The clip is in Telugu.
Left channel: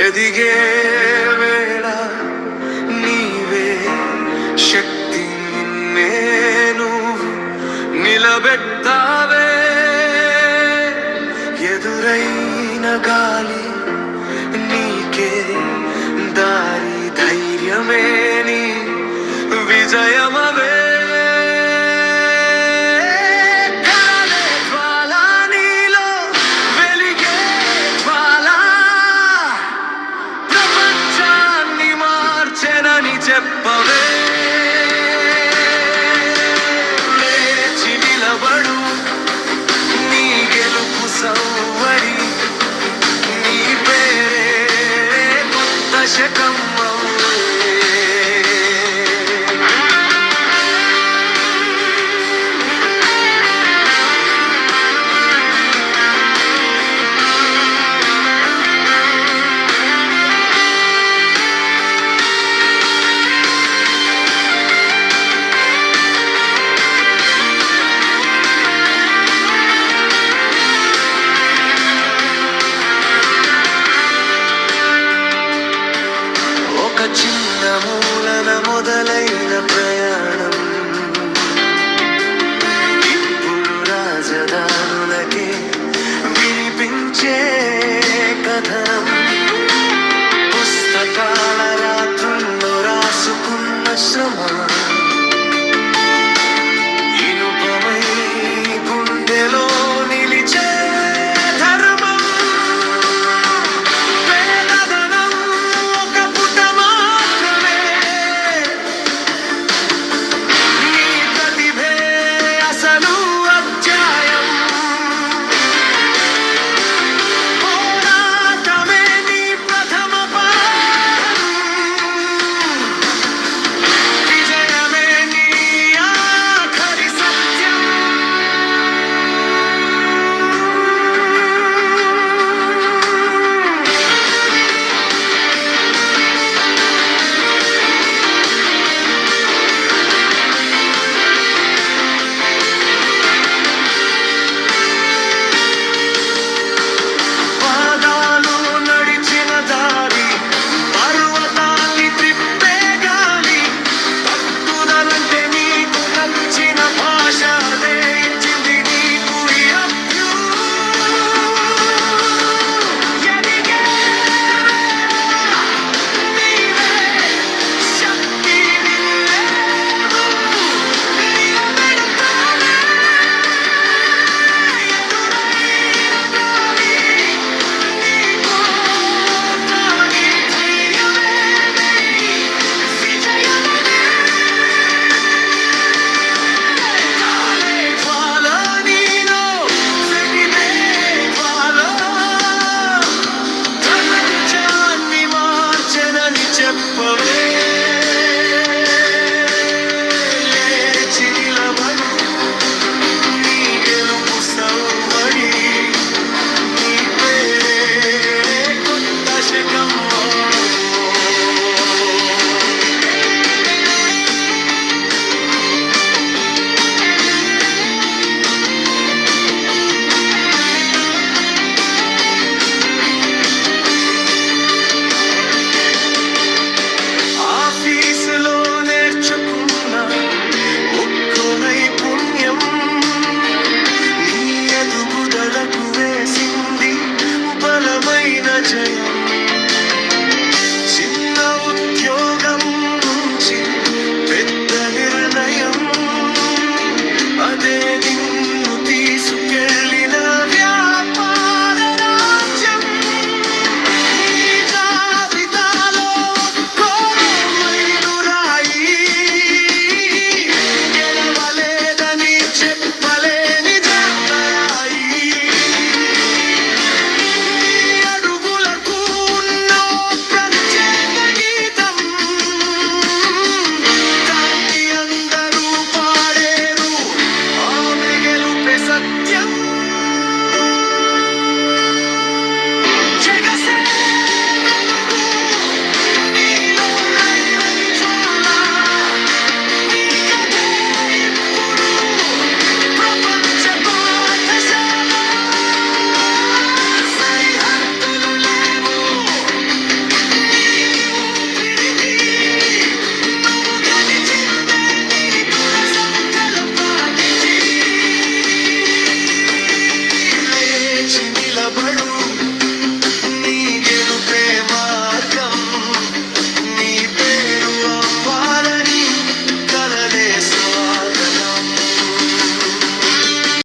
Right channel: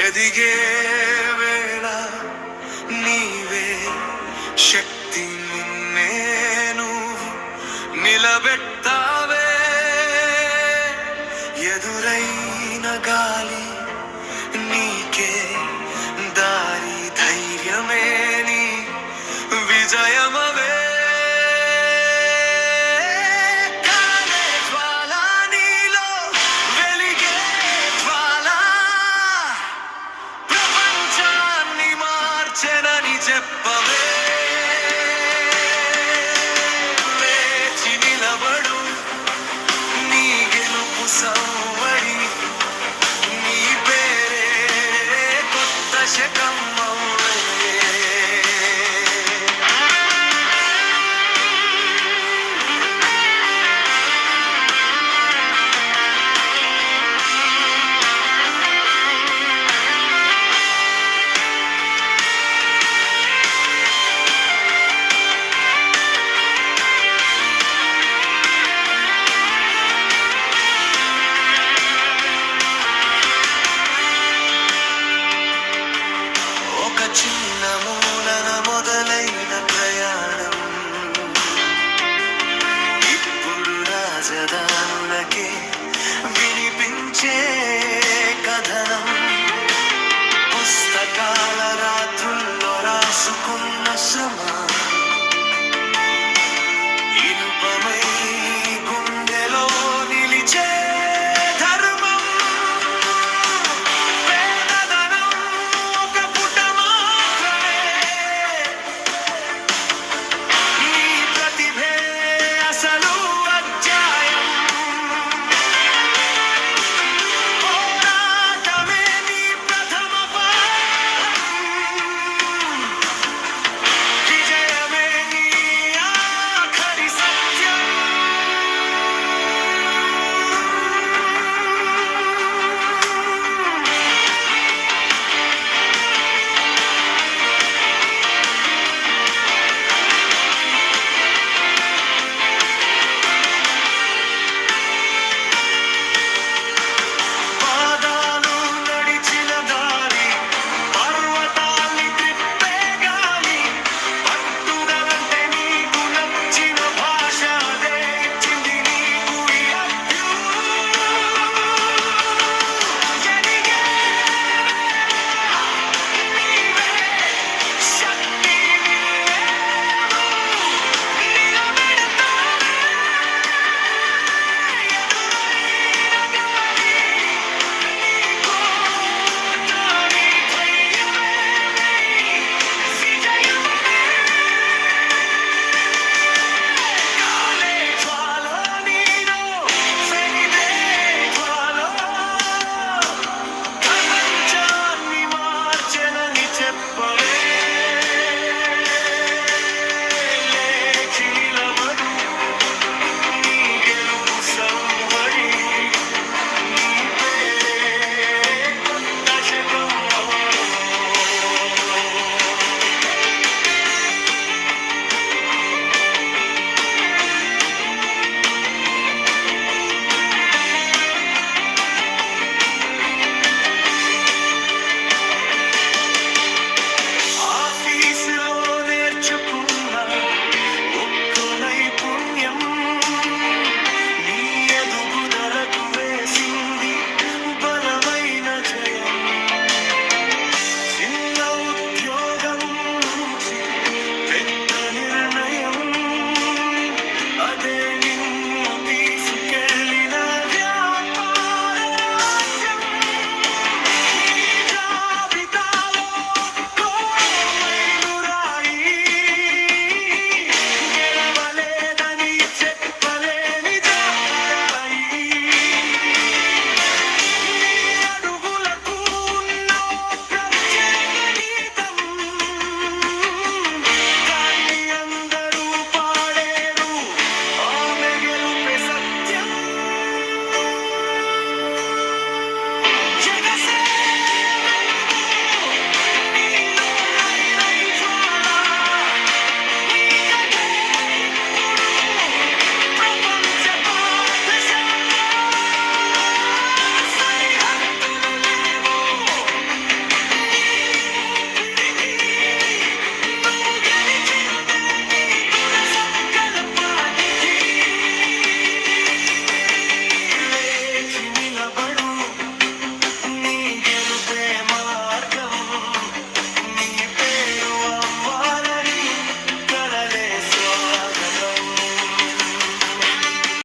ఎదిగే వేళ నీవే శక్తి నిన్నే నువ్వు నిలబెట్టావే. ఎదురైన గాలి నీకే దారి ధైర్యమే నీ విజయమవే చెప్పవే. లేచి నిలబడు. నీ గెలుపు సౌవడి నీ పేరే కొత్త శకం చిన్న మూలన మొదలైన ప్రయాణం. ఇప్పుడు రాజధానులకే వినిపించే కథనం. పుస్తకాల రాత్రుల్లో రాసుకున్న శ్రమ. separate నాకు వేసింది బలమైన జయం. చిన్న ఉద్యోగం నుంచి పెద్ద నిర్ణయం. అదే నిన్ను తీసుకెళ్ళి